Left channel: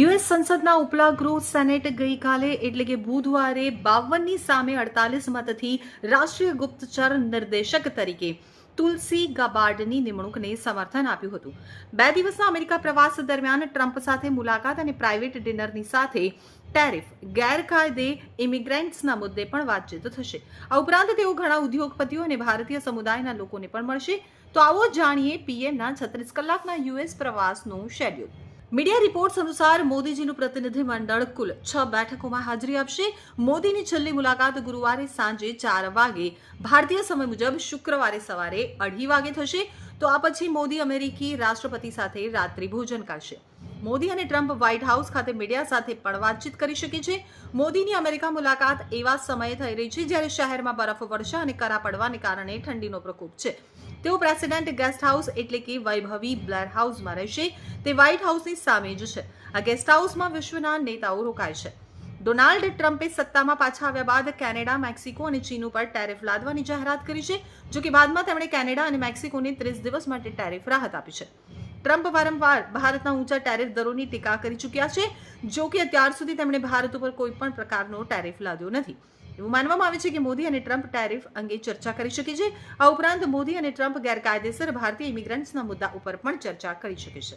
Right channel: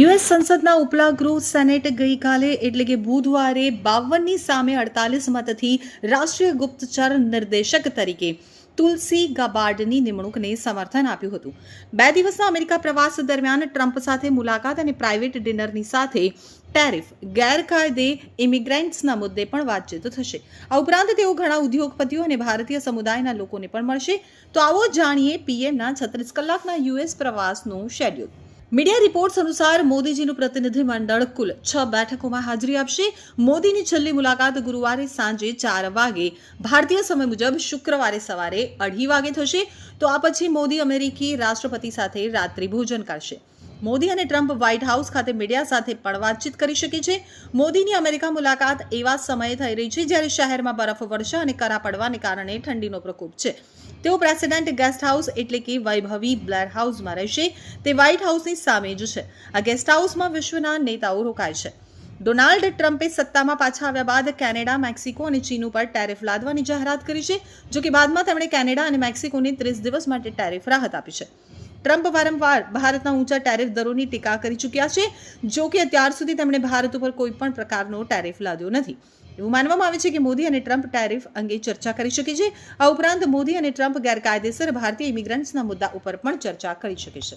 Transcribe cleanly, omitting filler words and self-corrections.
US સંસદના ઉપલા ગૃહ સેનેટ ગઈકાલે એટલે કે બુધવારે 52ની સામે 48 મતથી રાષ્ટ્રીય ગુપ્તચર નિર્દેશક તરીકે તુલસી ગબાર્ડની નિમણૂકને સમર્થન આપ્યું હતું. 2 દિવસના અમેરિકા પ્રવાસ દરમિયાન ટ્રમ્પ સાથે મુલાકાત અને પ્રાઇવેટ ડિનરની સાથે ટેરિફ ગેરકાયદે ઇમિગ્રન્ટ્સના મુદ્દે પણ વાતચીત થશે. આ ઉપરાંત તેઓ ઘણા ઉદ્યોગપતિઓ અને ભારતીય સમુદાયના લોકોને પણ મળશે. તો આવો જાણીએ પીએમના 36 કલાકના યુએસ પ્રવાસનું શેડ્યુલ. મીડિયા રિપોર્ટ્સ અનુસાર મોદીજીનું પ્રતિનિધિમંડળ કુલ 6 બેઠકોમાં હાજરી આપશે. મોદીની છેલ્લી મુલાકાત ગુરુવારે સાંજે 4 વાગે ભારતીય સમય મુજબ શુક્રવારે સવારે 2:30 વાગે થશે. તો આ પછી મોદી અમેરિકી રાષ્ટ્રપતિ સાથે રાત્રિ ભોજન કરશે. મોદી અને ટ્રમ્પ વ્હાઇટ હાઉસ ખાતે મીડિયા સાથે પણ વાતચીત કરી શકે છે. મોદીની અમેરિકા મુલાકાત એવા સમયે થઈ રહી છે જ્યારે શહેરમાં બરફવર્ષા અને કરા પડવાને કારણે ઠંડીનો પ્રકોપ છે. તેઓ પ્રેસિડેન્ટ ગેસ્ટ હાઉસ એટલે કે વૈભવી બ્લેર હાઉસમાં રહેશે. તે વ્હાઇટ હાઉસની સામે જ છે. આ ગેસ્ટ હાઉસમાં વિશ્વના નેતાઓ રોકાય છે. ડોનાલ્ડ ટ્રમ્પે સત્તામાં પાછા આવ્યા બાદ કેનેડા, મેક્સિકો અને ચીન ઉપર ટેરિફ લાદવાની જાહેરાત કરી છે. જો કે બાદમાં તેમણે કેનેડા અને મેક્સિકોને 30 દિવસ માટે ટેરિફ રાહત આપી છે. ટ્રમ્પ વારંવાર ભારતના ઊંચા ટેરિફ દરોની ટીકા કરી ચૂક્યા છે. જો કે અત્યાર સુધી તેમણે ભારત ઉપર કોઈ પણ પ્રકારનો ટેરિફ લાદ્યો નથી. એવું માનવામાં આવે છે કે મોદી અને ટ્રમ્પ ટેરિફ અંગે ચર્ચા કરી શકે છે. આ ઉપરાંત મોદી અને ટ્રમ્પ ગેરકાયદેસર ભારતીય ઇમિગ્રન્ટ્સના મુદ્દા ઉપર પણ ચર્ચા કરી શકે છે.